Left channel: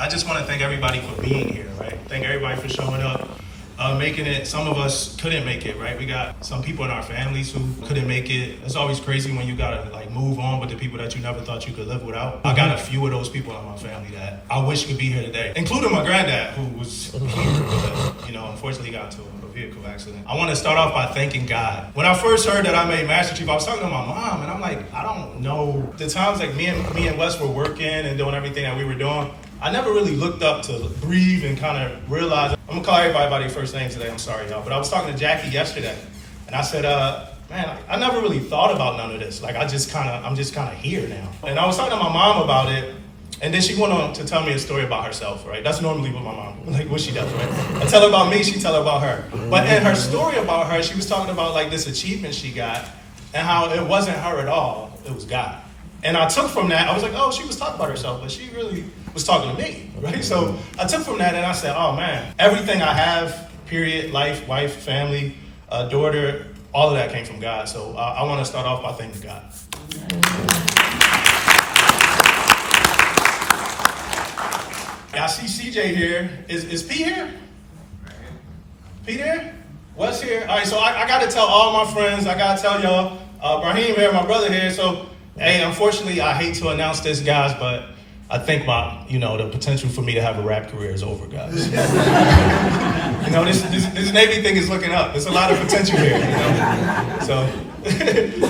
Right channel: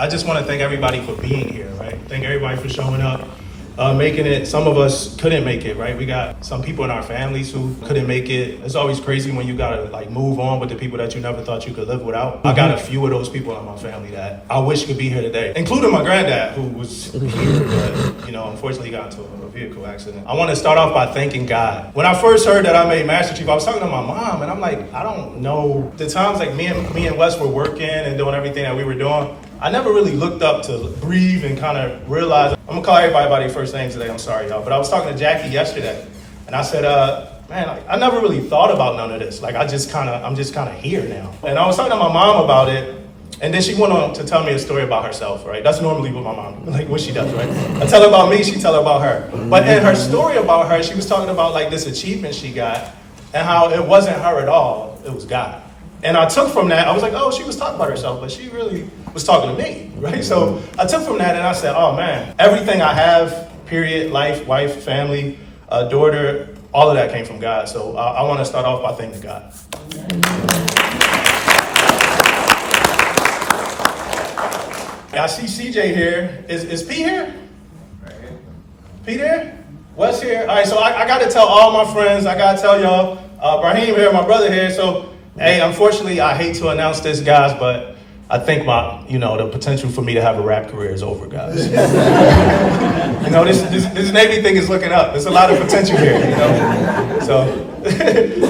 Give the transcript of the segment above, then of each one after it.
I just want to thank everybody for being here, right? Thank everybody for showing up, making it. Some of us couldn't make it, right? We got some people in our families who couldn't make it. It's always crazy when you gotta like move on with the people that you never thought you could live without. I got a few of those people in my family that I wish could be here today, including my granddad who was here, but unfortunately got into a vehicle accident. I want to start off by thanking God. When I first heard that I made Master Chief, I was talking to my mom, and I'm like, I don't know. The times like me and Wes were working and doing everything that we were doing, I never really looked up to breathe and kind of realize. I'm gonna call everybody by their first name today. I'm sorry, y'all, but I was talking to Jackie yesterday, and I said, man, I never really thought about none of this. Like I'm just kind of here now. And I was talking to my mom about it. And then she went on to tell me a story about herself, right? That's normally what my mom, like what she does, right? I tell her about me, she tell her about her. But in her story about her, she was talking about like this achievement she got and how it wasn't her at all, it was God. And I took from that, I was like, oh, she was talking about herself, but she really was talking to me, right? So I took from that and I said, oh man, everything I have, period, life, wife, family, daughter, all of that came from God. So I want to start off by thanking God. I see CJ here. Is P here? Right here. P there? Wes here? All right, so I got to tell all my friends. I got to tell y'all. Brahim here, my brother here. So, hey, unfortunately, I hate to announce this, guys, but I think the potential for me to have a rap career is over, guys. This Navy thing is looking up. There's a lot of potential here, So,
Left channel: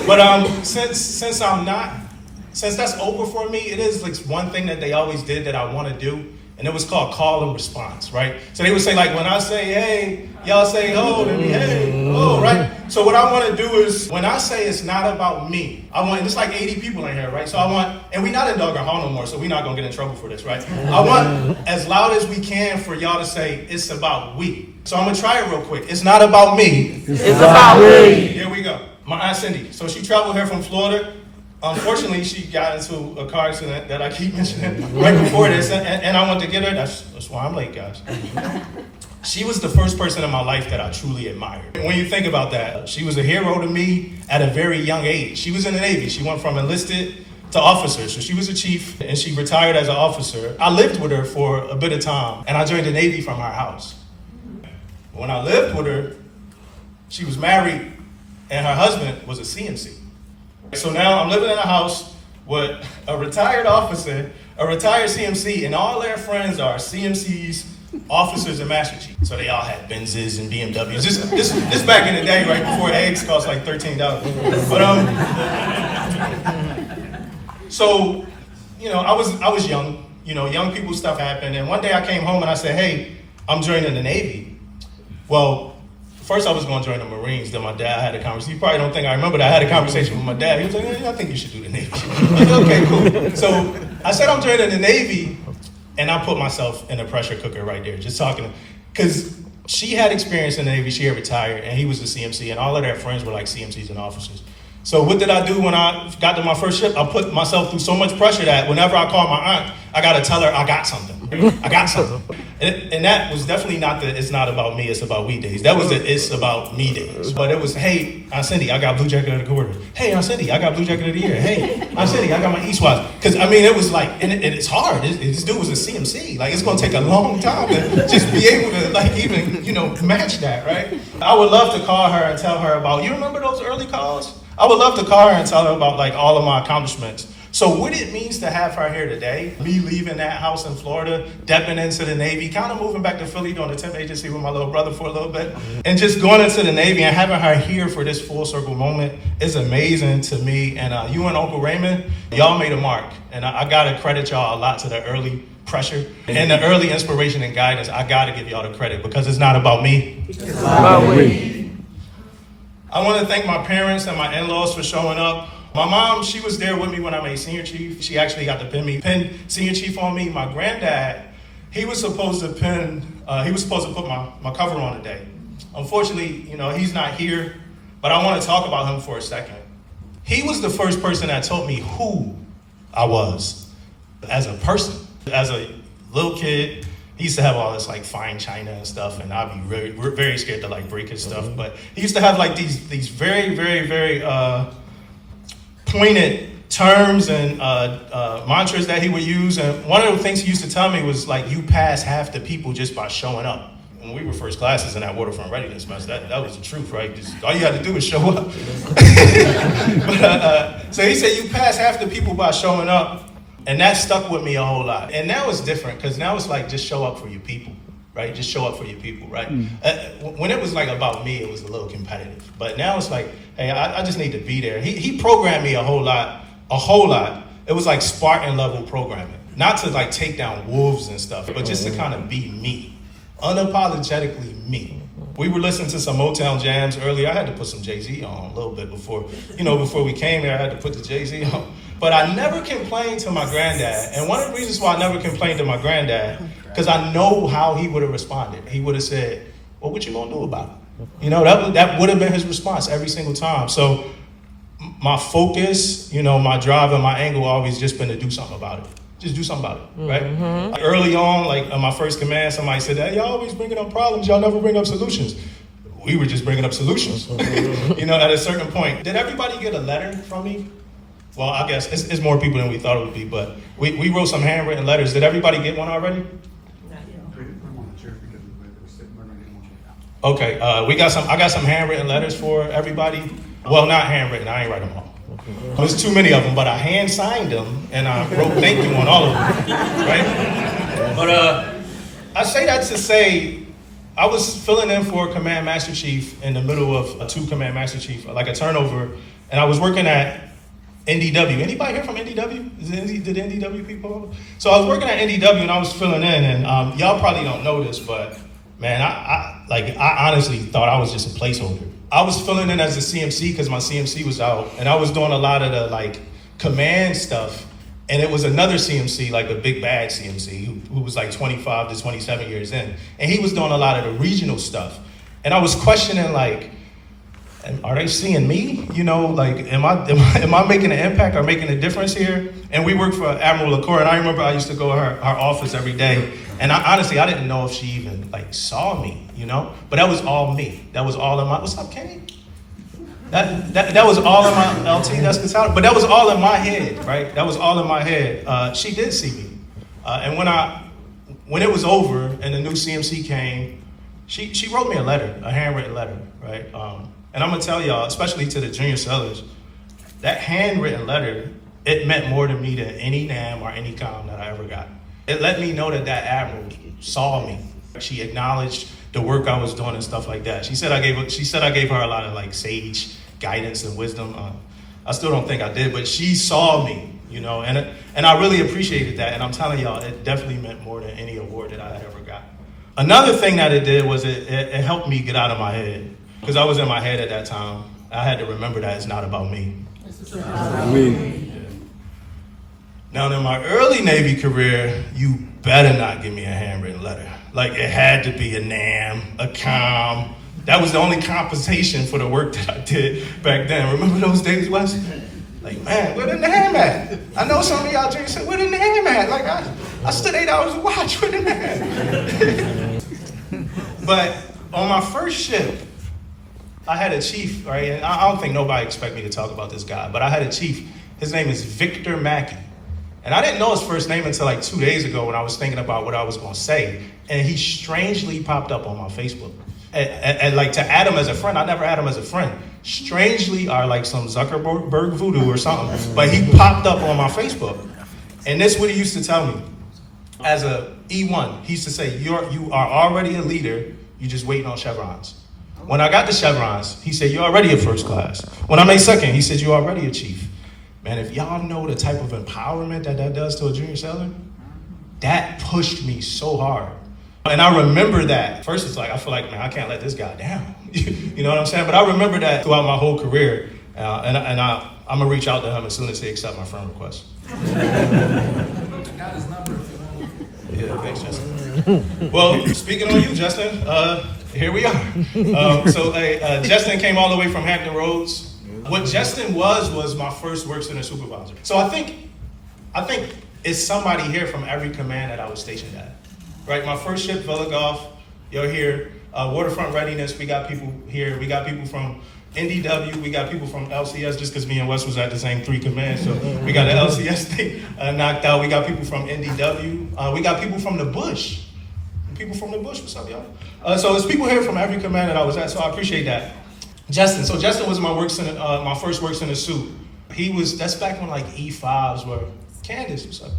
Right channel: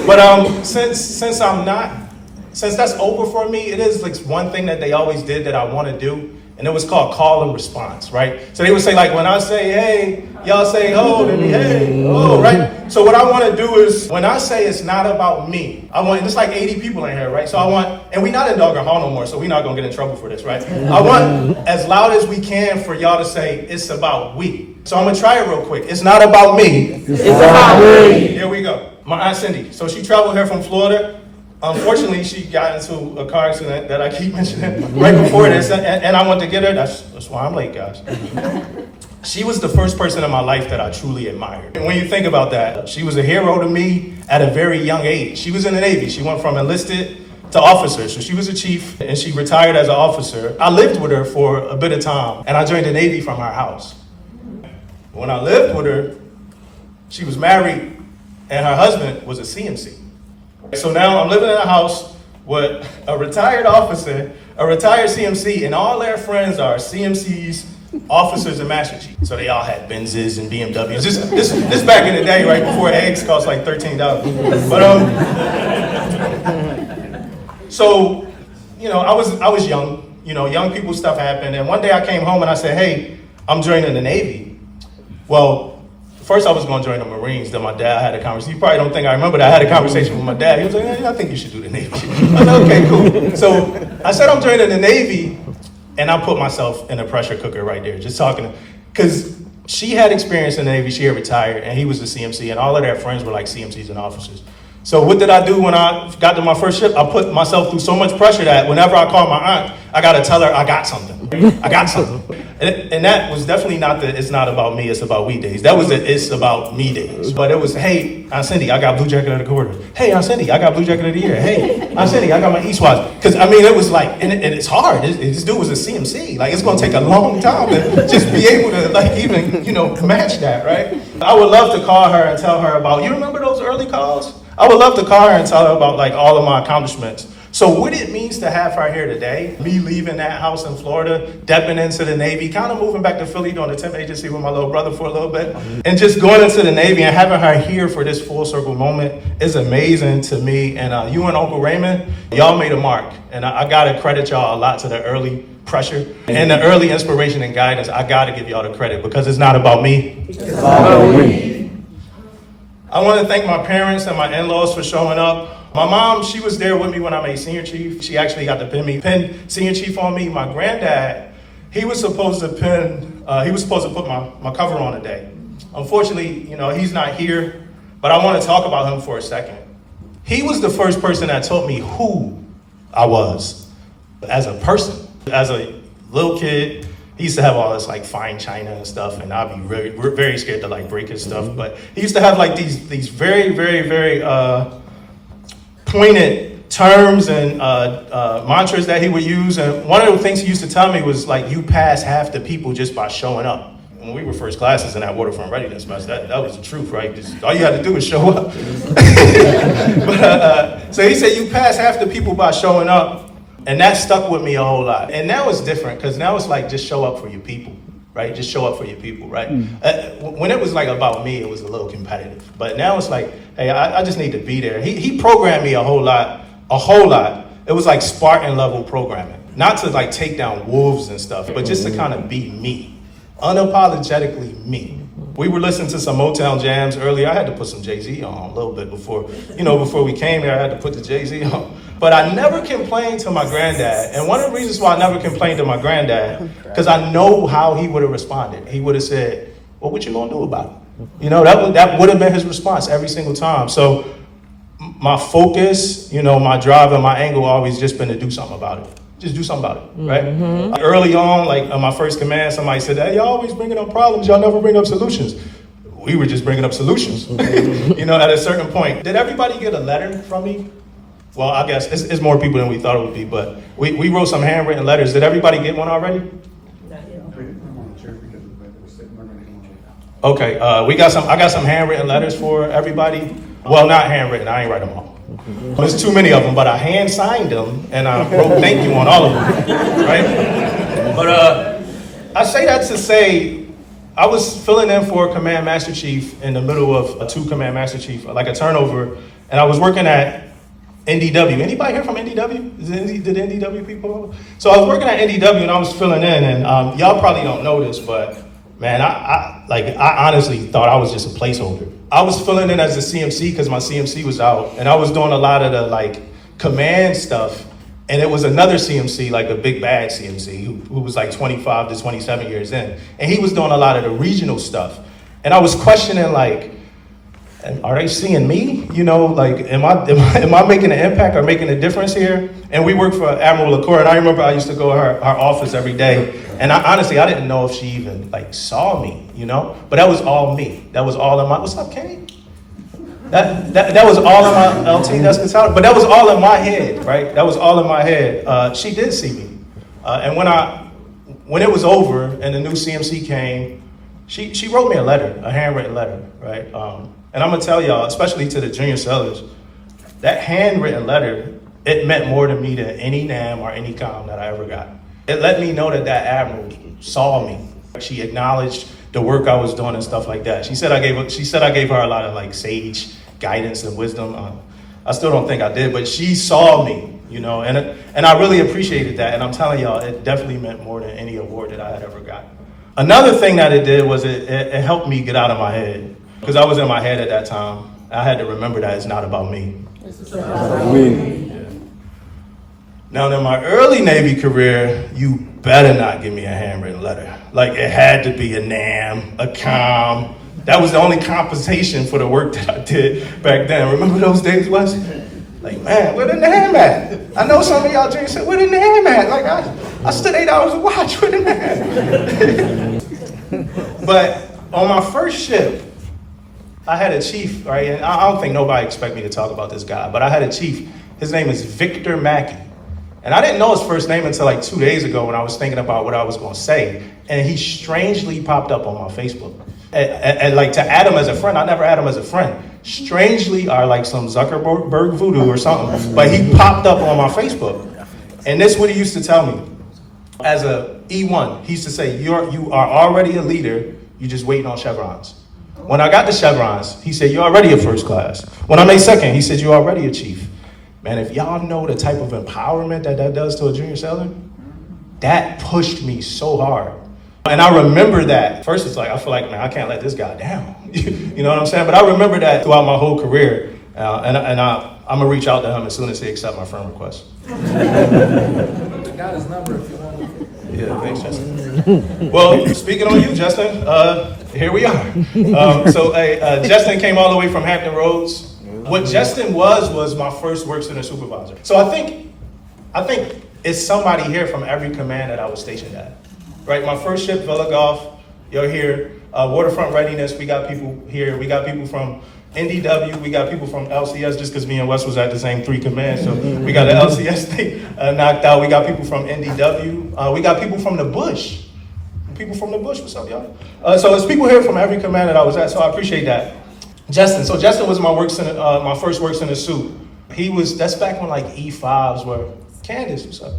but since that's over for me, it is like one thing that they always did that I want to do. And it was called call and response, right? So they would say like, when I say, hey, y'all say, oh, then hey, oh, right? So what I want to do is, when I say it's not about me, it's like 80 people in here, right? So and we're not in Dogger Hall no more, so we're not going to get in trouble for this, right? I want, as loud as we can, for y'all to say, it's about we. So I'm going to try it real quick. It's not about me. It's about we. Here we go. My Aunt Cindy. So she traveled here from Florida. Unfortunately, she got into a car accident that I keep mentioning right before this, and I went to get her. That's why I'm late, guys. She was the first person in my life that I truly admired. And when you think about that, she was a hero to me at a very young age. She was in the Navy. She went from enlisted to officer. So she was a chief, and she retired as an officer. I lived with her for a bit of time, and I joined the Navy from her house. When I lived with her, she was married, and her husband was a CMC. So now I'm living in a house with a retired officer, a retired CMC, and all their friends are CMCs, officers, and Master Chiefs. So they all had Benzes and BMWs. This back in the day, right before eggs cost like $13. But so I was young. Young people stuff happened, and one day I came home and I said, hey, I'm joining the Navy. Well, first I was going to join the Marines, then my dad had a conversation. You probably don't think I remember that. I had a conversation with my dad. He was like, I think you should do the Navy. I said, okay, cool. So I said I'm joining the Navy, and I put myself in a pressure cooker right there, just talking, because she had experience in the Navy, she had retired, and he was the CMC, and all of their friends were like CMCs and officers. So what did I do when I got to my first ship? I put myself through so much pressure that whenever I called my aunt, I got to tell her I got something. I got something. And that was definitely not the it's not about me, it's about we days. That was the it's about me days. But it was, hey, Aunt Cindy, I got Blue Jacket of the Quarter. Hey, Aunt Cindy, I got Blue Jacket of the Year. Hey, Aunt Cindy, I got my Eastwise. Because, it was like, and it's hard. This dude was a CMC. Like, it's going to take a long time to just be able to, even, match that, right? I would love to call her and tell her about, you remember those early calls? I would love to call her and tell her about, all of my accomplishments. So what it means to have her here today, me leaving that house in Florida, stepping into the Navy, kind of moving back to Philly, doing the temp agency with my little brother for a little bit, and just going into the Navy and having her here for this full circle moment is amazing to me. And you and Uncle Raymond, y'all made a mark. And I gotta credit y'all a lot to the early pressure and the early inspiration and guidance. I gotta give y'all the credit because it's not about me. It's about we. I wanna thank my parents and my in-laws for showing up. My mom, she was there with me when I made senior chief. She actually got to pin senior chief on me. My granddad, he was supposed to put my cover on today. Unfortunately, he's not here, but I want to talk about him for a second. He was the first person that taught me who I was as a person. As a little kid, he used to have all this fine china and stuff, and I'd be very, very scared to break his stuff. But he used to have these very, very, very pointed terms and mantras that he would use. And one of the things he used to tell me was like, you pass half the people just by showing up. When we were first classes in that waterfront readiness mess, that was the truth, right? Just, all you had to do was show up. So he said, you pass half the people by showing up. And that stuck with me a whole lot. And now it's different, because now it's like, just show up for your people, right? Just show up for your people, right? When it was like about me, it was a little competitive. But now it's like, hey, I just need to be there. He programmed me a whole lot. It was like Spartan level programming. Not to like take down wolves and stuff, but just to kind of be me. Unapologetically me. We were listening to some Motown jams earlier. I had to put some Jay-Z on a little bit before we came here. I had to put the Jay-Z on. But I never complained to my granddad. And one of the reasons why I never complained to my granddad, because I know how he would have responded. He would have said, well, what you gonna do about it? That would have been his response every single time. So my focus, my drive and my angle always just been to do something about it. Just do something about it, right? Mm-hmm. Early on, like on my first command, somebody said, hey, y'all always bringing up problems, y'all never bring up solutions. We were just bringing up solutions, at a certain point. Did everybody get a letter from me? Well, I guess it's more people than we thought it would be, but we wrote some handwritten letters. Did everybody get one already? Not yet. Okay, I got some handwritten letters for everybody. Well, not handwritten, I ain't write them all. There's too many of them, but I hand signed them and I wrote thank you on all of them, right? But I say that to say, I was filling in for a Command Master Chief in the middle of a 2 Command Master Chief, like a turnover, and I was working at NDW. Anybody here from NDW? Did NDW people? So I was working at NDW and I was filling in, and y'all probably don't know this, but man, I honestly thought I was just a placeholder. I was filling in as a CMC because my CMC was out, and I was doing a lot of the command stuff, and it was another CMC, like a big bad CMC, who was like 25 to 27 years in, and he was doing a lot of the regional stuff, and I was questioning are they seeing me? Am I making an impact or making a difference here? And we worked for Admiral LaCour, and I remember I used to go to her office every day. And I didn't know if she even saw me, But that was all me. That was all in my, what's up, Kenny? That was all in my, LT, that's the title. But that was all in my head, right? That was all in my head. She did see me. And when it was over and the new CMC came, she wrote me a letter, a handwritten letter, right? And I'm gonna tell y'all, especially to the junior sellers, that handwritten letter, it meant more to me than any NAM or any comm that I ever got. It let me know that admiral saw me. She acknowledged the work I was doing and stuff like that. She said I gave her a lot of sage guidance and wisdom. I still don't think I did, but she saw me, and I really appreciated that. And I'm telling y'all, it definitely meant more than any award that I had ever got. Another thing that it did was it helped me get out of my head. Because I was in my head at that time. I had to remember that it's not about me. It's about me. Now, in my early Navy career, you better not give me a handwritten letter. It had to be a NAM, a comm. That was the only compensation for the work that I did back then. Remember those days, Wes? Man, where the NAM at? I know some of y'all drinking said, where the NAM at? I stood 8 hours to watch, where the NAM? But on my first ship, I had a chief, right? And I don't think nobody expect me to talk about this guy, but I had a chief. His name is Victor Mackey. And I didn't know his first name until 2 days ago when I was thinking about what I was gonna say. And he strangely popped up on my Facebook. And to add him as a friend, I never had him as a friend. Strangely, or some Zuckerberg voodoo or something, but he popped up on my Facebook. And this is what he used to tell me. As a E1, he used to say, you are already a leader, you're just waiting on chevrons. When I got the chevrons, he said, you're already a first class. When I made second, he said, you're already a chief. Man, if y'all know the type of empowerment that does to a junior seller, that pushed me so hard. And I remember that. First, it's I feel man, I can't let this guy down. You know what I'm saying? But I remember that throughout my whole career. And I'm going to reach out to him as soon as he accepts my friend request. I got his number if you want to. Yeah, thanks, Justin. Well, speaking on you, Justin, here we are. Justin came all the way from Hampton Roads. What Justin was my first work center supervisor. So I think it's somebody here from every command that I was stationed at. Right, my first ship, Villa Golf, you're here. Waterfront readiness, we got people here. We got people from NDW, we got people from LCS, just because me and Wes was at the same 3 commands, so we got the LCS thing knocked out. We got people from NDW. We got people from the Bush. People from the Bush, what's up, y'all? So there's people here from every command that I was at, so I appreciate that. Justin, so Justin was my first works in a suit. That's back when like E5s were, Candace, what's up?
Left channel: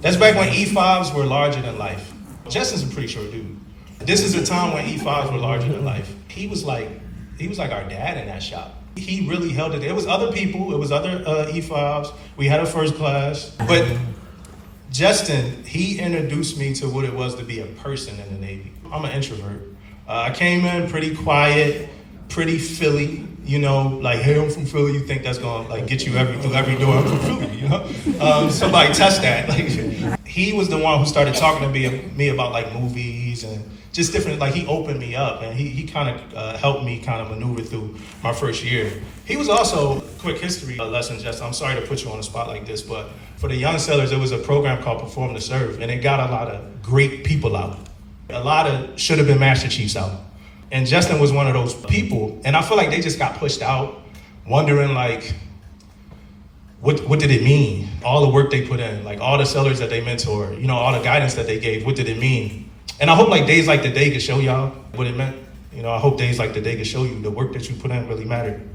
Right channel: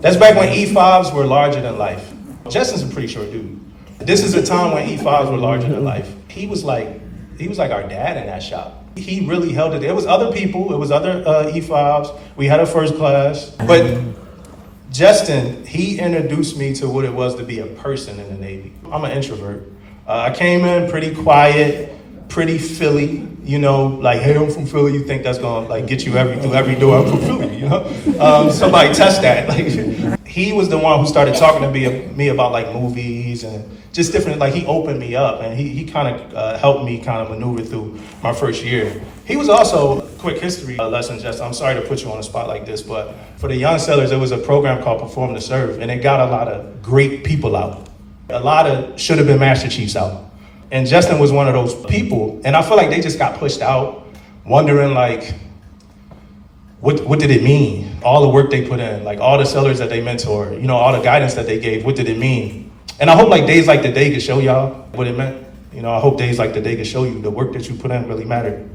That's back when E5s were larger than life. Justin's a pretty short dude. This is a time when E5s were larger than life. He was like our dad in that shop. He really held it. There was other people, it was other E5s. We had a first class, but Justin, he introduced me to what it was to be a person in the Navy. I'm an introvert. I came in pretty quiet, pretty Philly, you know, like, hey, I'm from Philly. You think that's gonna like get you through every door? I'm from Philly, you know? Somebody test that. Like, he was the one who started talking to me about like movies and just different, like he opened me up and he kind of helped me kind of maneuver through my first year. He was also, quick history lesson, Justin, I'm sorry to put you on the spot like this, but for the young sailors, there was a program called Perform to Serve, and it got a lot of great people out. A lot of should have been Master Chiefs out. And Justin was one of those people, and I feel like they just got pushed out, wondering like, what did it mean? All the work they put in, like all the sailors that they mentored, you know, all the guidance that they gave, what did it mean? And I hope like days like the day could show y'all what it meant. You know, I hope days like the day could show you the work that you put in really mattered.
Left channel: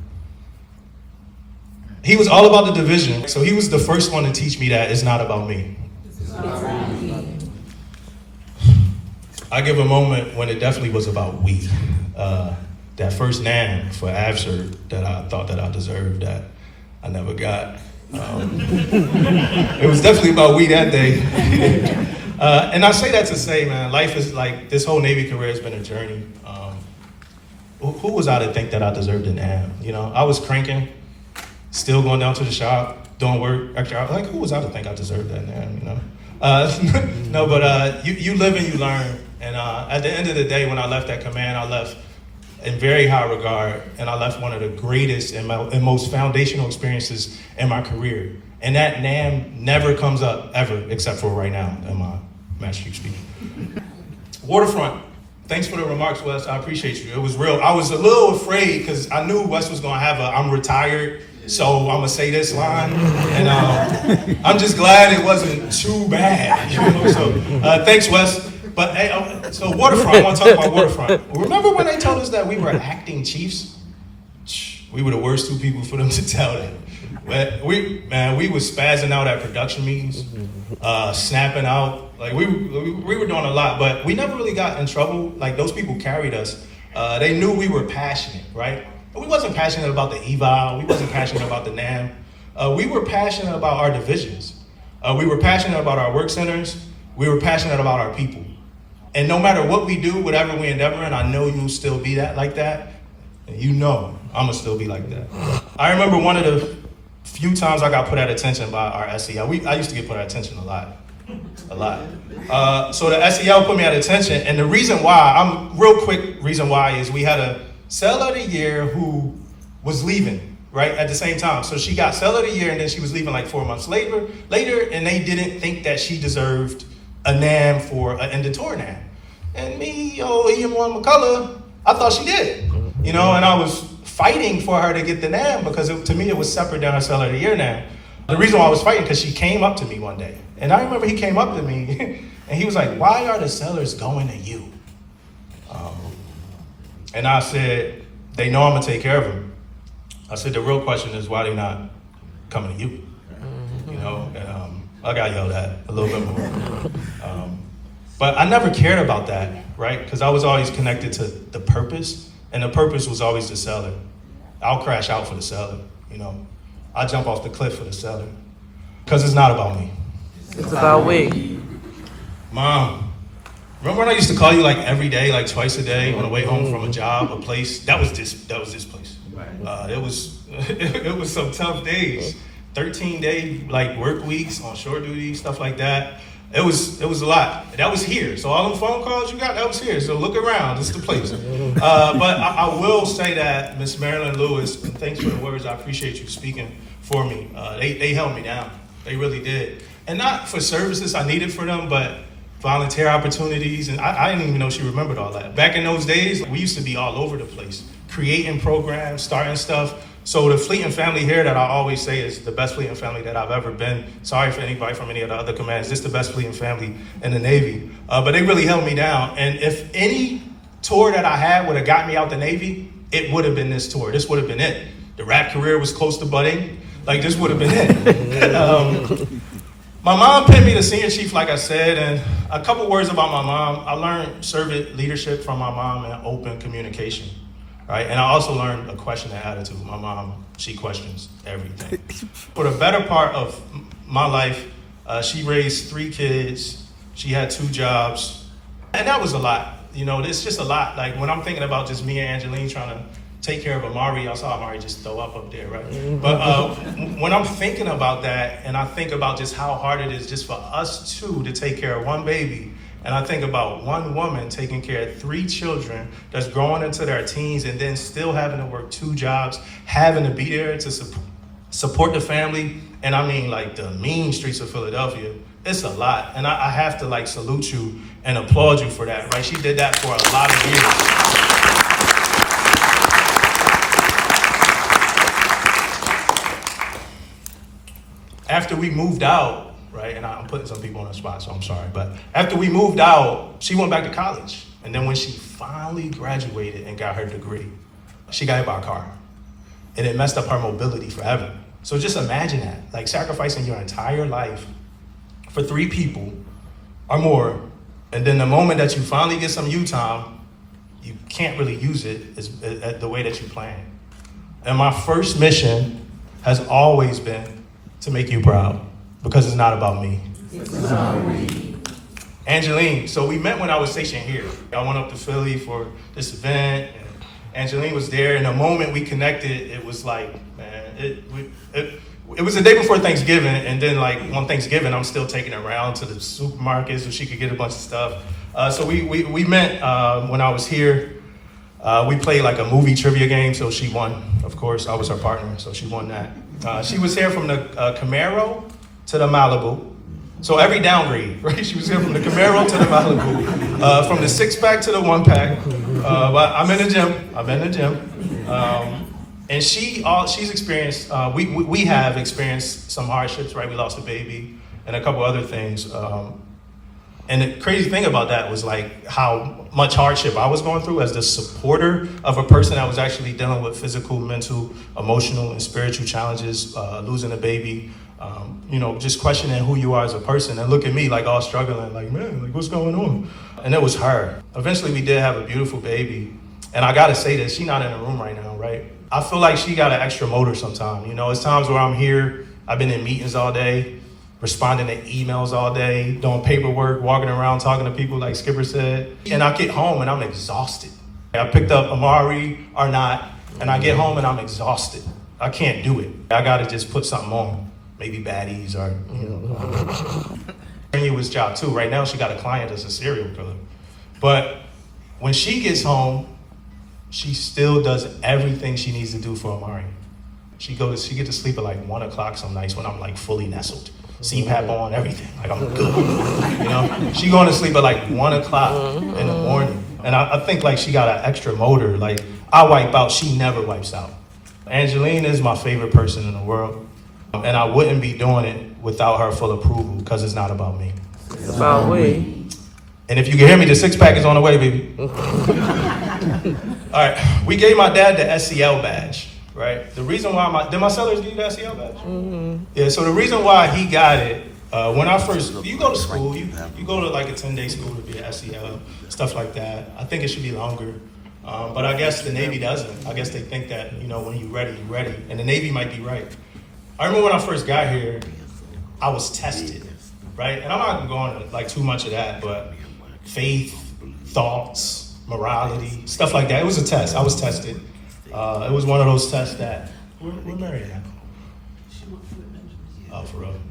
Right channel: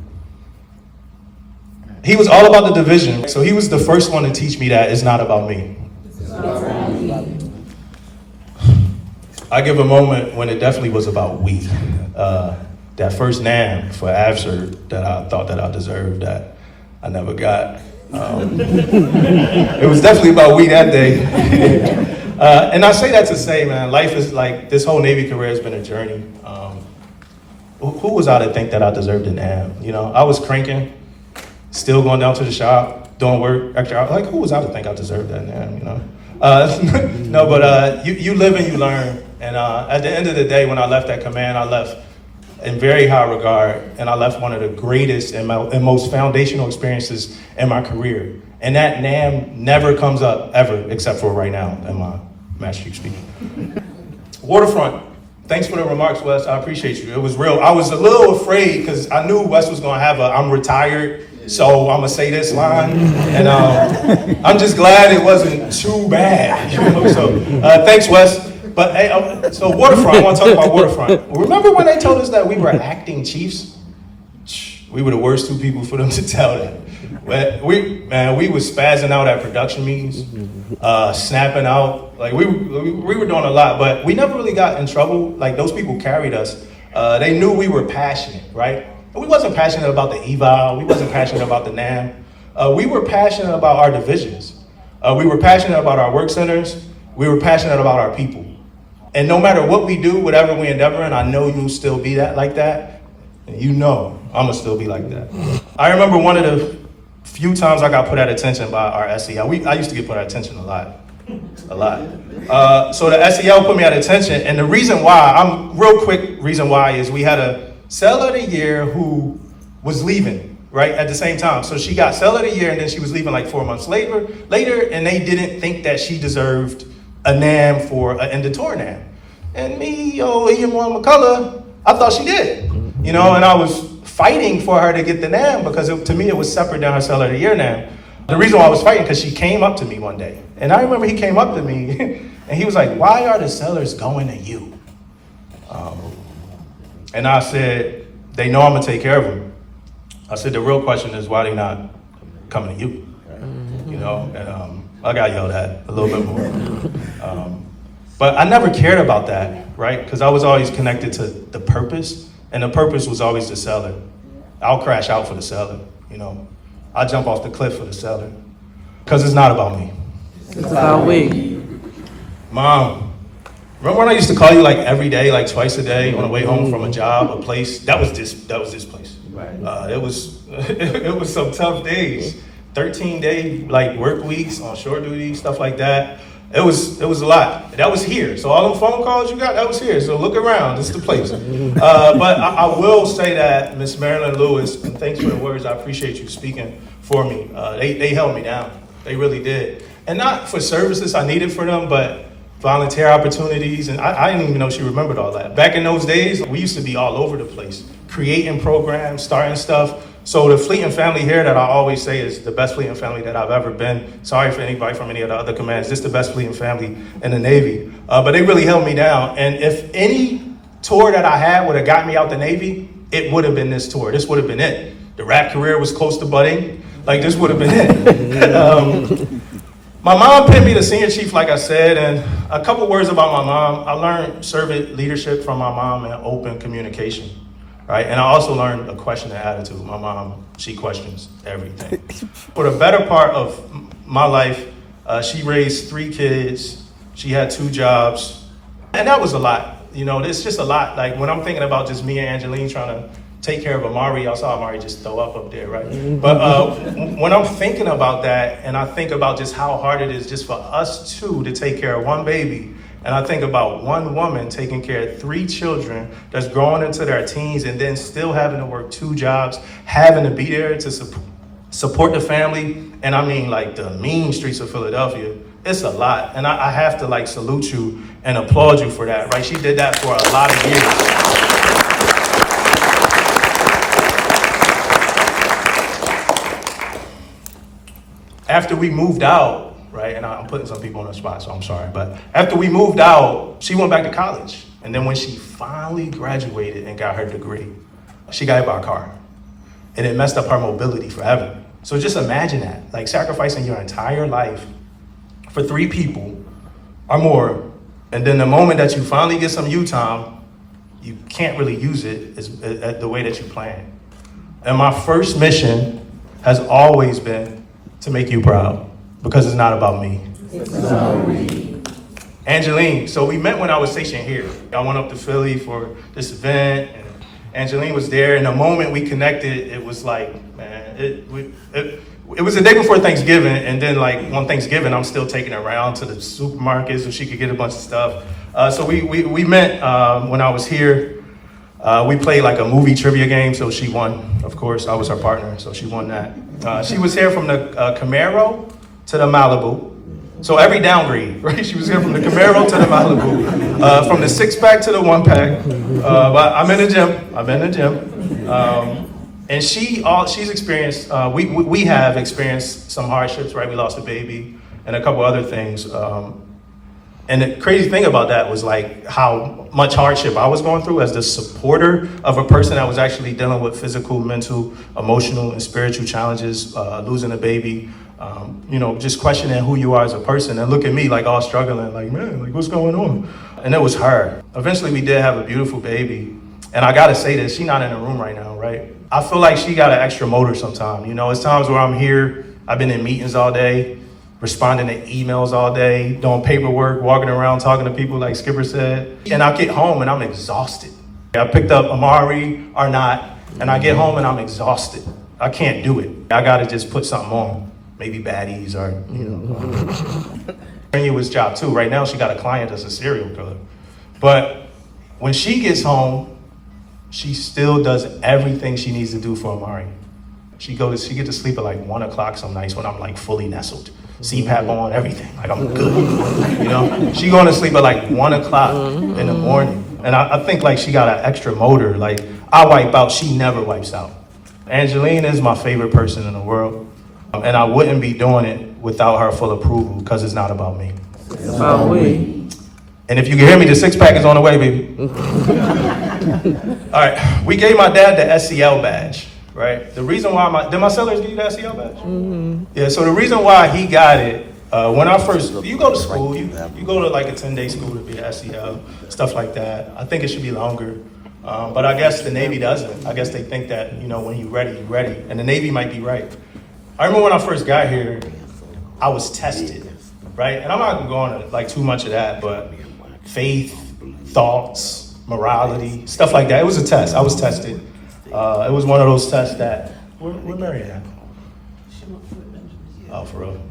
He was all about the division, so he was the first one to teach me that it's not about me. I give a moment when it definitely was about we. That first NAM for AVSR that I thought that I deserved that I never got. It was definitely about we that day. And I say that to say, man, life is like, this whole Navy career has been a journey. Who was I to think that I deserved a NAM? You know, I was cranking, still going down to the shop, doing work extra hours. Like, who was I to think I deserved that NAM, you know? No, but you live and you learn. And at the end of the day, when I left that command, I left in very high regard, and I left one of the greatest and most foundational experiences in my career. And that NAM never comes up ever, except for right now in my Master Chief speaking. Waterfront, thanks for the remarks, Wes. I appreciate you. It was real. I was a little afraid because I knew Wes was gonna have I'm retired, so I'm gonna say this line. And I'm just glad it wasn't too bad. You know? So thanks, Wes. But hey, so Waterfront, I want to talk about Waterfront. Remember when they told us that we were acting chiefs? We were the worst 2 people for them to tell that. But we was spazzing out at production meetings, snapping out. Like we were doing a lot, but we never really got in trouble. Like those people carried us. They knew we were passionate, right? But we wasn't passionate about the eval. We wasn't passionate about the NAM. We were passionate about our divisions. We were passionate about our work centers. We were passionate about our people. And no matter what we do, whatever we endeavor in, I know you'll still be like that. And you know I'm gonna still be like that. I remember one of the few times I got put at attention by our SEL. I used to get put at attention a lot. So the SEL put me at attention, and the reason why, reason why is we had a Sailor of the Year who was leaving, right, at the same time. So she got Sailor of the Year, and then she was leaving like 4 months later, and they didn't think that she deserved a NAM for an end of tour NAM. And me, Andamo McCullough, I thought she did, you know, and I was fighting for her to get the NAM because to me it was separate than her Sailor of the Year NAM. The reason why I was fighting, because she came up to me one day, and I remember he came up to me, and he was like, "Why are the sailors going to you?" And I said, "They know I'm gonna take care of them." I said, "The real question is why they not coming to you?" You know, and I got yelled at a little bit more. But I never cared about that, right? Because I was always connected to the purpose, and the purpose was always the sailor. I'll crash out for the sailor, you know. I'll jump off the cliff for the sailor. Because it's not about me. It's about we. Mom, remember when I used to call you like every day, like twice a day on the way home from a job, a place? That was this place. Right. It was some tough days. 13-day like work weeks on shore duty, stuff like that. It was a lot. That was here. So all the phone calls you got, that was here. So look around, this is the place. But I will say that Miss Marilyn Lewis, and thanks for the words, I appreciate you speaking for me. They held me down. They really did. And not for services I needed for them, but volunteer opportunities, and I didn't even know she remembered all that. Back in those days, we used to be all over the place, creating programs, starting stuff. So the Fleeting family here that I always say is the best Fleeting family that I've ever been. Sorry for anybody from any of the other commands. This is the best Fleeting family in the Navy. But they really held me down. And if any tour that I had would have got me out the Navy, it would have been this tour. This would have been it. The rap career was close to budding. Like, this would have been it. My mom pinned me to senior chief, like I said, and a couple words about my mom. I learned servant leadership from my mom and open communication. Right, and I also learned a questioning attitude. My mom, she questions everything. For the better part of my life, she raised 3 kids. She had 2 jobs, and that was a lot. You know, it's just a lot. Like when I'm thinking about just me and Angeline trying to take care of Amari, I saw Amari just throw up there, right? But when I'm thinking about that, and I think about just how hard it is just for us two to take care of one baby, and I think about one woman taking care of 3 children that's growing into their teens and then still having to work 2 jobs, having to be there to support the family. And I mean like the mean streets of Philadelphia. It's a lot. And I have to like salute you and applaud you for that, right? She did that for a lot of years. After we moved out, right, and I'm putting some people on the spot, so I'm sorry, but after we moved out, she went back to college. And then when she finally graduated and got her degree, she got hit by a car. And it messed up her mobility forever. So just imagine that, like sacrificing your entire life for 3 people or more, and then the moment that you finally get some you time, you can't really use it the way that you planned. And my first mission has always been to make you proud. Because it's not about me. It's about me. Angeline, so we met when I was stationed here. I went up to Philly for this event, and Angeline was there, and the moment we connected, it was like, man, it was the day before Thanksgiving, and then like on Thanksgiving, I'm still taking her around to the supermarket so she could get a bunch of stuff. So we met when I was here. We played like a movie trivia game, so she won, of course. I was her partner, so she won that. She was here from the Camaro to the Malibu. So every downgrade, right? She was here from the Camaro to the Malibu, from the 6-pack to the 1-pack. But I'm in the gym. And she's experienced, we have experienced some hardships, right? We lost a baby and a couple other things. And the crazy thing about that was like how much hardship I was going through as the supporter of a person that was actually dealing with physical, mental, emotional, and spiritual challenges, losing a baby, just questioning who you are as a person, and look at me like all struggling, like, man, like what's going on? And it was her. Eventually we did have a beautiful baby. And I gotta say this, she's not in the room right now, right? I feel like she got an extra motor sometimes. It's times where I'm here, I've been in meetings all day, responding to emails all day, doing paperwork, walking around, talking to people like Skipper said. And I get home and I'm exhausted. I picked up Amari or not, and I get home and I'm exhausted. I can't do it. I gotta just put something on, maybe baddies or, strenuous job too. Right now she got a client that's a serial killer. But when she gets home, she still does everything she needs to do for Amari. She gets to sleep at like 1 o'clock some nights when I'm like fully nestled. CPAP on, everything, like I'm good. She going to sleep at like 1 o'clock in the morning. And I think like she got an extra motor. Like I wipe out, she never wipes out. Angeline is my favorite person in the world. And I wouldn't be doing it without her full approval because it's not about me. It's about me. And if you can hear me, the 6-pack is on the way, baby. All right, we gave my dad the SEL badge, right? The reason why did my sellers give you the SEL badge? Mm-hmm. Yeah, so the reason why he got it, when I first, you go to school, you go to like a 10-day school to be an SEL, stuff like that. I think it should be longer. But I guess the Navy doesn't. I guess they think that, when you're ready, you're ready. And the Navy might be right. I remember when I first got here, I was tested, right? And I'm not gonna go into like too much of that, but faith, thoughts, morality, stuff like that. It was a test. I was tested. It was one of those tests that, where Mary at? Oh, for real.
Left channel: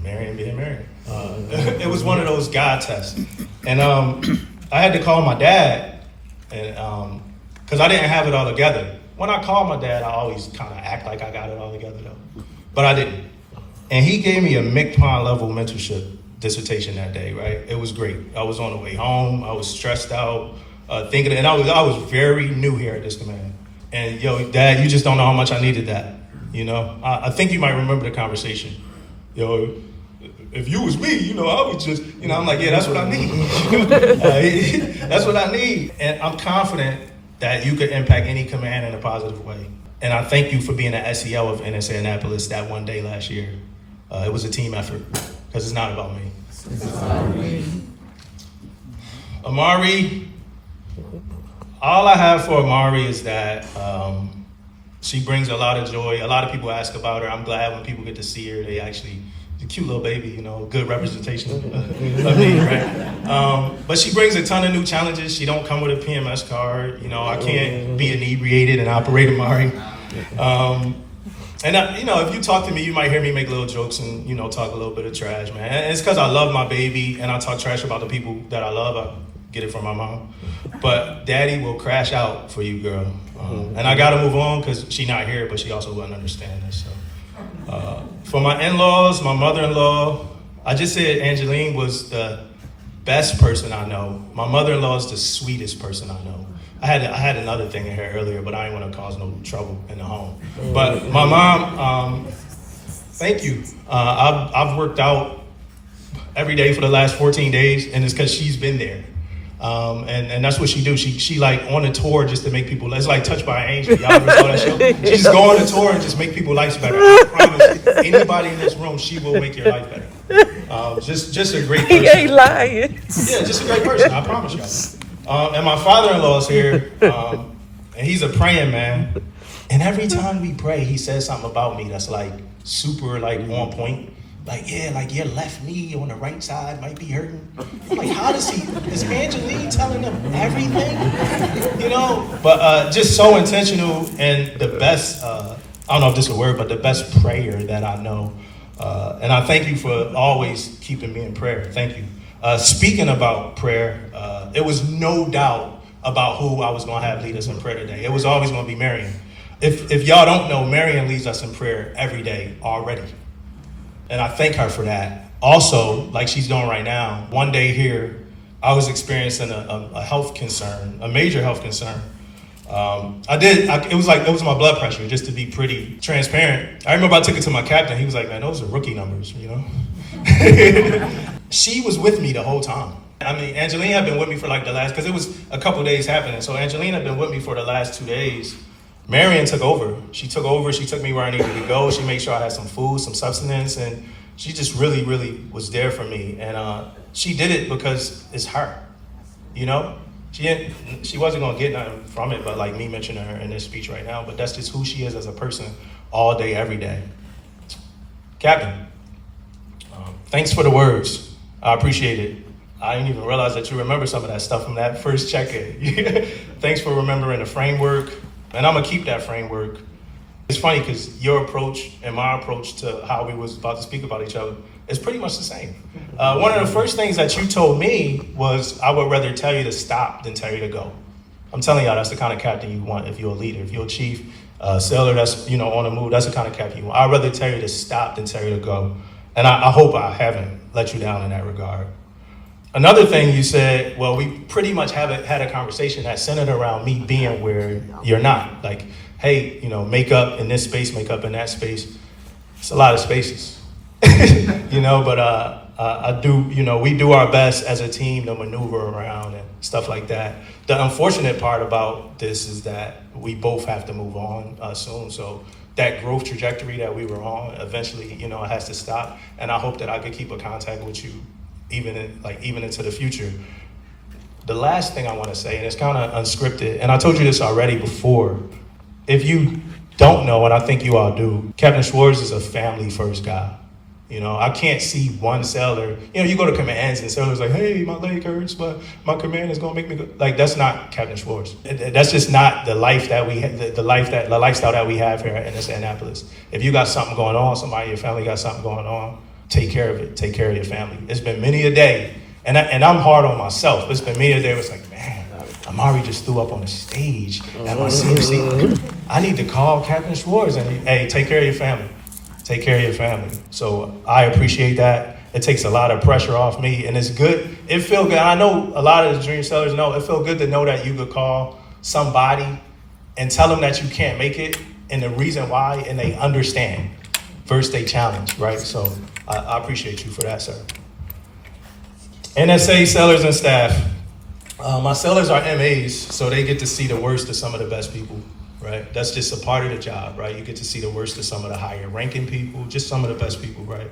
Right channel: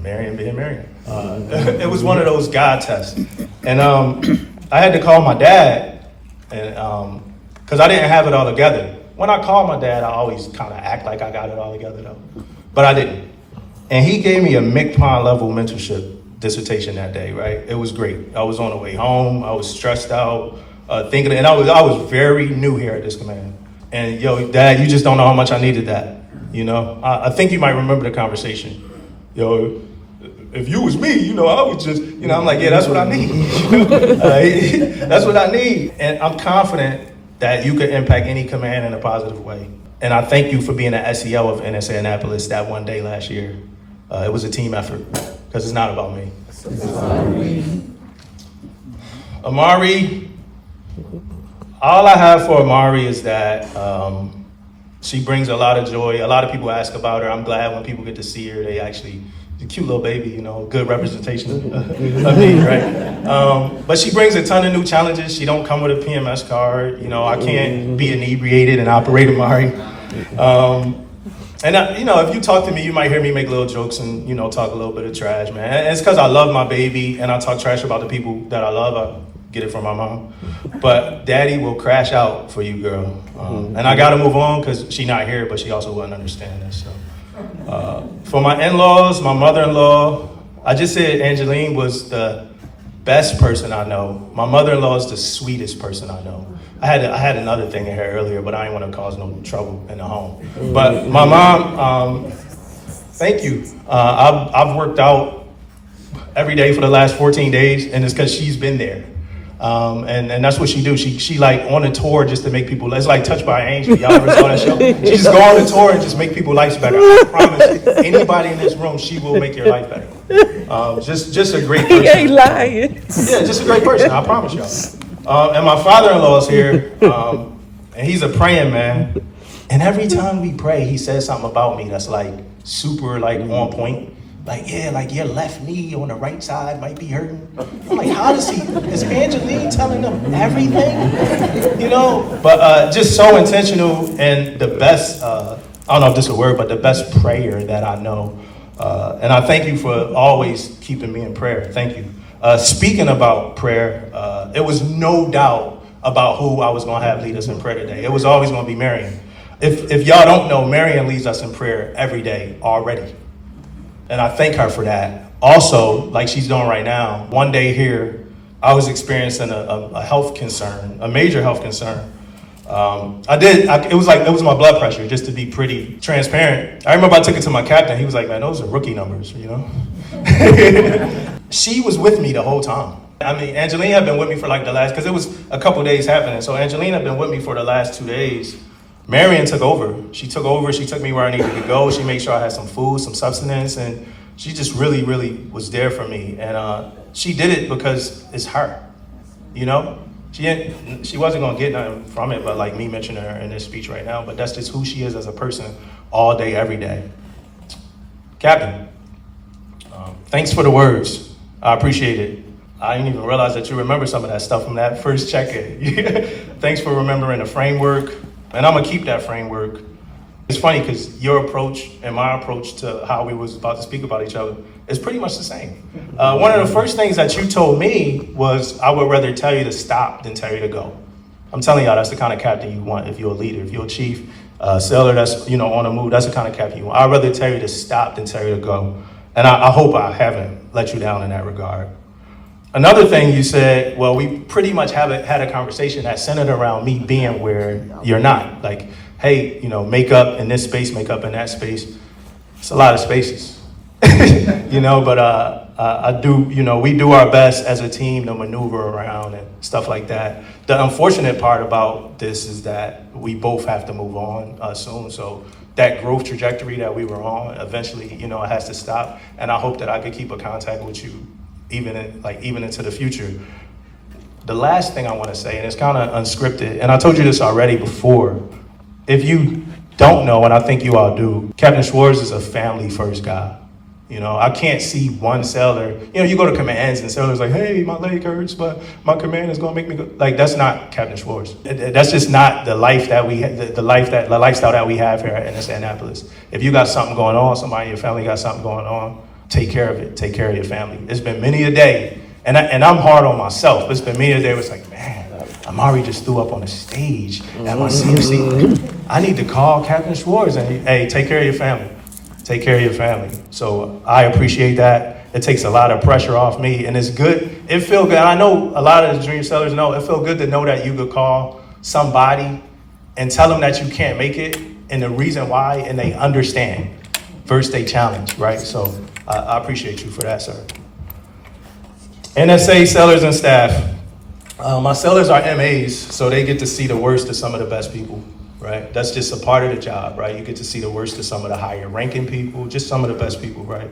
Marion being Marion. It was one of those God tests. And I had to call my dad, and because I didn't have it all together. When I call my dad, I always kind of act like I got it all together though. But I didn't. And he gave me a McPon level mentorship dissertation that day, right? It was great. I was on the way home. I was stressed out, thinking, and I was very new here at this command. And yo, Dad, you just don't know how much I needed that. You know, I think you might remember the conversation. Yo, if you was me, you know, I would just, you know, I'm like, yeah, that's what I need. You know? That's what I need. And I'm confident that you could impact any command in a positive way. And I thank you for being an SEL of NSA Annapolis that one day last year. It was a team effort, because it's not about me. Amari, all I have for Amari is that she brings a lot of joy. A lot of people ask about her. I'm glad when people get to see her, they actually, a cute little baby, you know, good representation of me, right? But she brings a ton of new challenges. She don't come with a PMS card. You know, I can't be inebriated and operate Amari. And you know, if you talk to me, you might hear me make little jokes and, you know, talk a little bit of trash, man. And it's because I love my baby and I talk trash about the people that I love. I get it from my mom. But Daddy will crash out for you, girl. And I got to move on because she's not here, but she also wouldn't understand this. So. For my in-laws, my mother-in-law, I just said Angeline was the best person I know. My mother-in-law is the sweetest person I know. I had another thing in here earlier, but I didn't want to cause no trouble in the home. But my mom, thank you. I've worked out every day for the last 14 days, and it's because she's been there. And that's what she do. She like on a tour just to make people, it's like Touched by an Angel. Y'all ever saw that show? She just go on a tour and just make people's lives better. I promise anybody in this room, she will make your life better. Just a great person. He ain't lying. Yeah, just a great person, I promise y'all. And my father-in-law's here, and he's a praying man. And every time we pray, he says something about me that's like super like on point. Like, yeah, like your left knee on the right side might be hurting. I'm like, how does he, is Angeline telling him everything? You know? But just so intentional and the best, I don't know if this is a word, but the best prayer that I know. And I thank you for always keeping me in prayer. Thank you. Speaking about prayer, it was no doubt about who I was going to have lead us in prayer today. It was always going to be Marion. If y'all don't know, Marion leads us in prayer every day already. And I thank her for that. Also, like she's doing right now, one day here, I was experiencing a health concern, a major health concern. It was my blood pressure, just to be pretty transparent. I remember I took it to my captain. He was like, man, those are rookie numbers, you know? She was with me the whole time. I mean, Angeline had been with me for like the last, because it was a couple days happening. So Angeline had been with me for the last 2 days. Marion took over. She took me where I needed to go. She made sure I had some food, some substance, and she just really, really was there for me. And she did it because it's her, you know? She wasn't gonna get nothing from it, but like me mentioning her in this speech right now, but that's just who she is as a person all day, every day. Captain, thanks for the words. I appreciate it. I didn't even realize that you remember some of that stuff from that first check-in. Thanks for remembering the framework. And I'm gonna keep that framework. It's funny because your approach and my approach to how we was about to speak about each other is pretty much the same. One of the first things that you told me was, I would rather tell you to stop than tell you to go. I'm telling y'all, that's the kind of captain you want if you're a leader. If you're a chief, sailor that's on the move, that's the kind of captain you want. I'd rather tell you to stop than tell you to go. And I hope I haven't let you down in that regard. Another thing you said, well, we pretty much had a conversation that centered around me being where you're not. Like, hey, make up in this space, make up in that space. It's a lot of spaces, but I do, we do our best as a team to maneuver around and stuff like that. The unfortunate part about this is that we both have to move on soon. So that growth trajectory that we were on, eventually, it has to stop. And I hope that I could keep a contact with you even into the future. The last thing I want to say, and it's kind of unscripted, and I told you this already before, if you don't know, and I think you all do, Captain Schwartz is a family first guy. I can't see one sailor, you go to commands and sailors like, hey, my leg hurts, but my command is gonna make me go. Like, that's not Captain Schwartz. That's just not the life that we the lifestyle that we have here at NSA Annapolis. If you got something going on, somebody in your family got something going on, take care of it. Take care of your family. It's been many a day, and I'm hard on myself. It's been many a day where it's like, man, Amari just threw up on the stage at my CMC. I need to call Captain Schwartz and hey, take care of your family. Take care of your family. So I appreciate that, It takes a lot of pressure off me, and it's good. It feel good. I know a lot of the junior sellers know, it feel good to know that you could call somebody and tell them that you can't make it and the reason why, and they understand. First, they challenge, right? So I appreciate you for that, sir. NSA sellers and staff. My sellers are MAs, so they get to see the worst of some of the best people, right? That's just a part of the job, right? You get to see the worst of some of the higher ranking people, just some of the best people, right?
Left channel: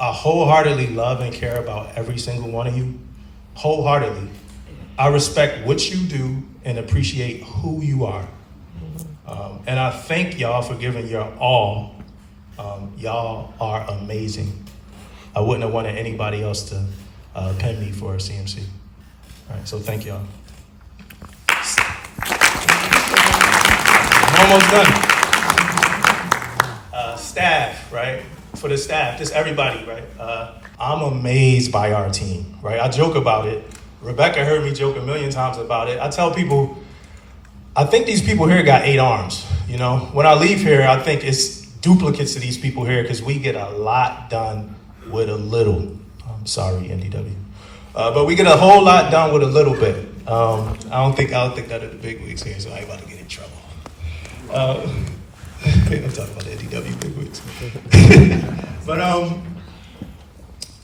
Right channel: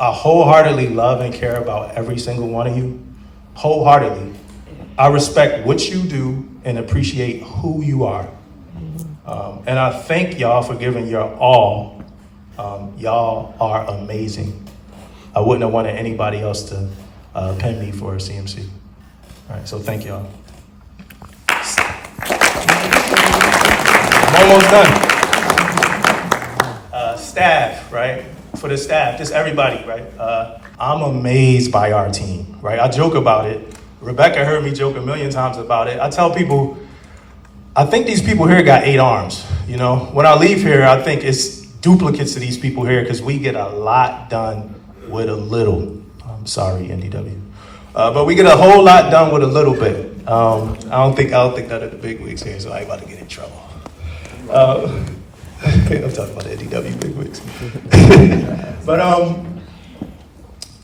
I wholeheartedly love and care about every single one of you, wholeheartedly. I respect what you do and appreciate who you are. And I thank y'all for giving your all. Y'all are amazing. I wouldn't have wanted anybody else to pin me for a CMC. All right, so thank y'all. I'm almost done. Staff, right? For the staff, just everybody, right? I'm amazed by our team, right? I joke about it. Rebecca heard me joke a million times about it. I tell people, I think these people here got 8 arms, you know? When I leave here, I think it's duplicates of these people here because we get a lot done with a little. I'm sorry, NDW. But we get a whole lot done with a little bit. I don't think none of the big wigs here, so I ain't about to get in trouble. I'm talking about the NDW big wigs. But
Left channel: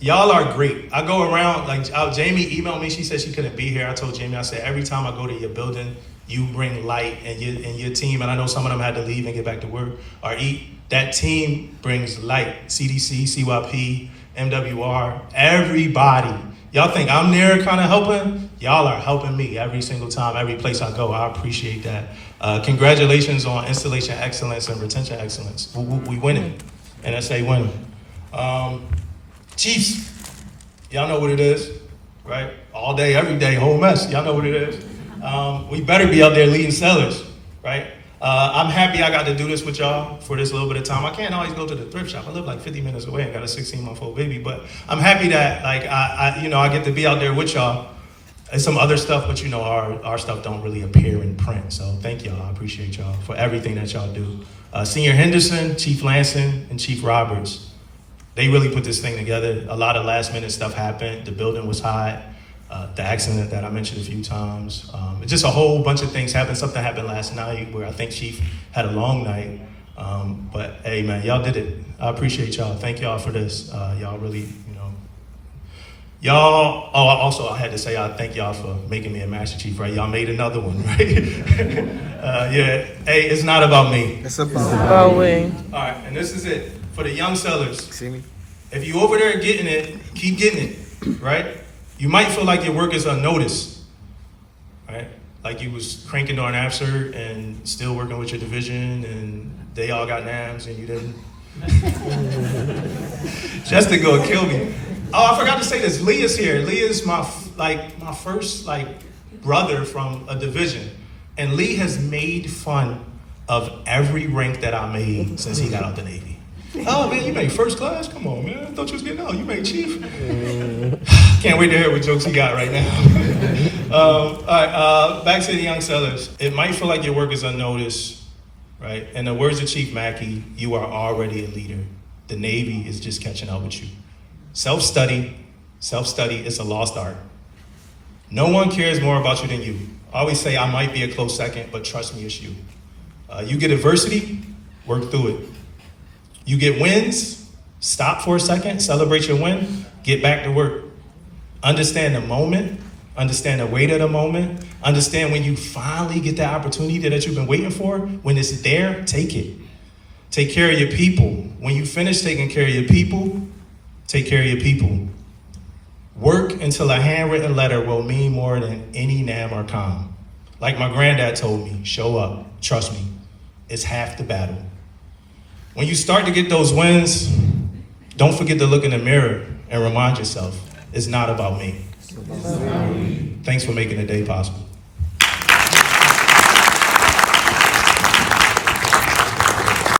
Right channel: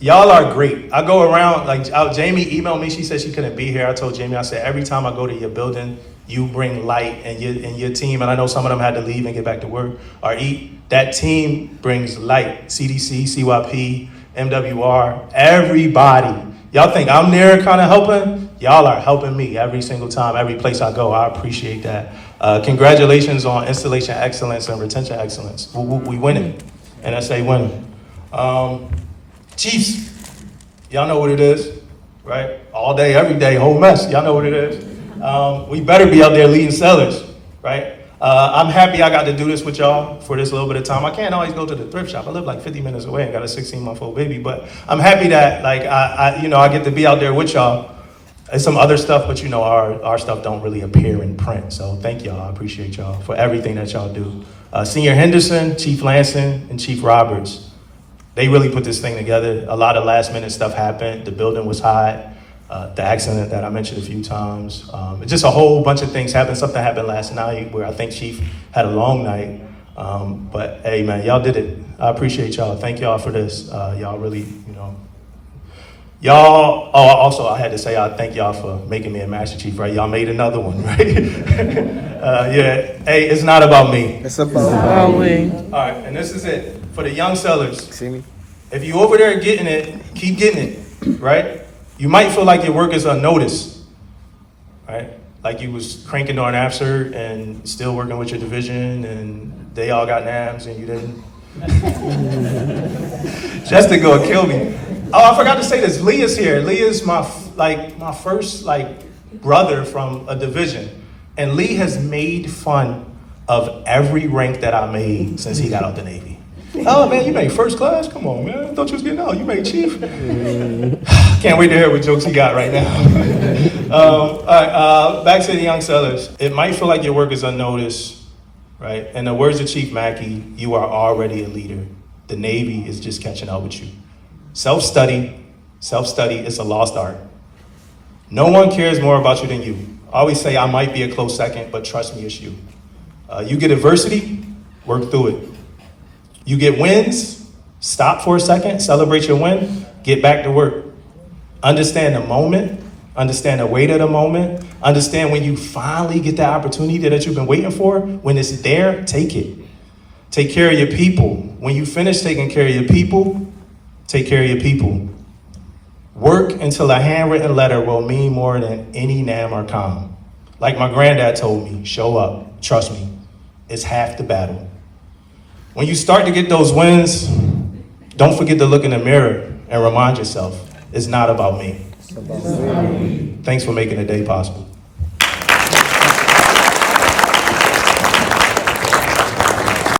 y'all are great. I go around, like Jamie emailed me, she said she couldn't be here. I told Jamie, I said, every time I go to your building, you bring light and your team, and I know some of them had to leave and get back to work or eat. That team brings light. CDC, CYP, MWR, everybody. Y'all think I'm there kind of helping? Y'all are helping me every single time, every place I go. I appreciate that. Congratulations on installation excellence and retention excellence. We winning. NSA winning. Chiefs, y'all know what it is, right? All day, every day, whole mess. Y'all know what it is. We better be out there leading sellers, right? I'm happy I got to do this with y'all for this little bit of time. I can't always go to the thrift shop. I live like 50 minutes away and got a 16-month-old baby, but I'm happy that like I get to be out there with y'all. It's some other stuff, but you know our stuff don't really appear in print. So thank y'all. I appreciate y'all for everything that y'all do. Senior Henderson, Chief Lansing, and Chief Roberts. They really put this thing together. A lot of last minute stuff happened. The building was hot. The accident that I mentioned a few times. Just a whole bunch of things happened. Something happened last night where I think Chief had a long night. But hey, man, y'all did it. I appreciate y'all. Thank y'all for this. Y'all really, y'all, also I had to say I thank y'all for making me a Master Chief, right? Y'all made another one, right? Yeah, hey, it's not about me. It's about me. All right, and this is it. For the young sellers, See me? if you over there getting it, keep getting it, right? You might feel like your work is unnoticed, right? Like you was cranking during AFSR and still working with your division and they all got NAMs and you didn't. Justin gonna kill me. Oh, I forgot to say this. Leah's here. Leah's my first brother from a division. And Lee has made fun of every rank that I made since he got out the Navy. Oh man, you made first class? Come on, man. I thought you was getting out. You made chief. Can't wait to hear what jokes he got right now. All right, back to the young sellers. It might feel like your work is unnoticed, right? In the words of Chief Mackey, you are already a leader. The Navy is just catching up with you. Self-study is a lost art. No one cares more about you than you. I always say I might be a close second, but trust me, it's you. You get adversity, work through it. You get wins, stop for a second, celebrate your win, get back to work. Understand the moment, understand the weight of the moment, understand when you finally get that opportunity that you've been waiting for, when it's there, take it. Take care of your people. When you finish taking care of your people, take care of your people. Work until a handwritten letter will mean more than any NAM or COM. Like my granddad told me, show up, trust me, it's half the battle. When you start to get those wins, don't forget to look in the mirror and remind yourself, it's not about me. It's about me. Thanks for making the day possible.